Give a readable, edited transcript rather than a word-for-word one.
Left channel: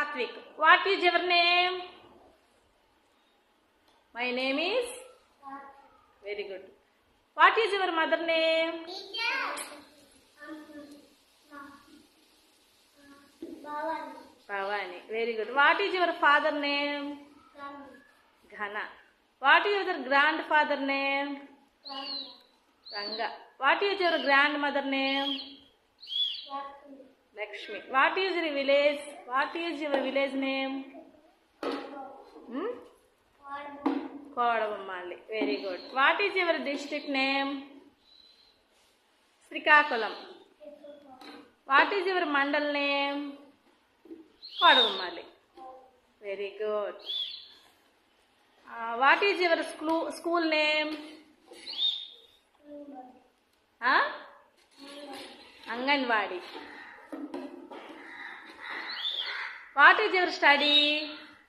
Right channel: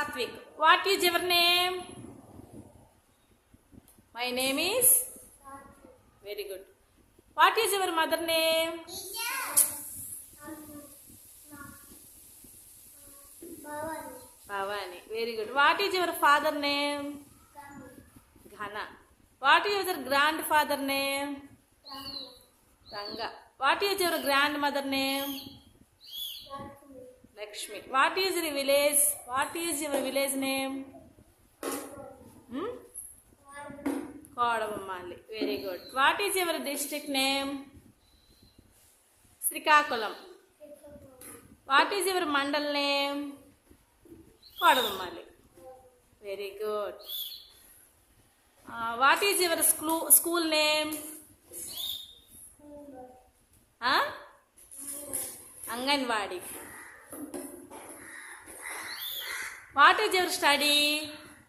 Satvik. What is your name? My name is? Very good. What is your mother name? Bhavani. Very good. What is your father name? Ghana. What is your grandfather name? Ranga. What is your grandmother name? Lakshmi. What is your village? What is your village name? Kodavammalli. Very good. What is your district name? Srikakulam. What is your mandal name? Kodavammalli. Very good. What is your school name? Anganwadi. What is your study?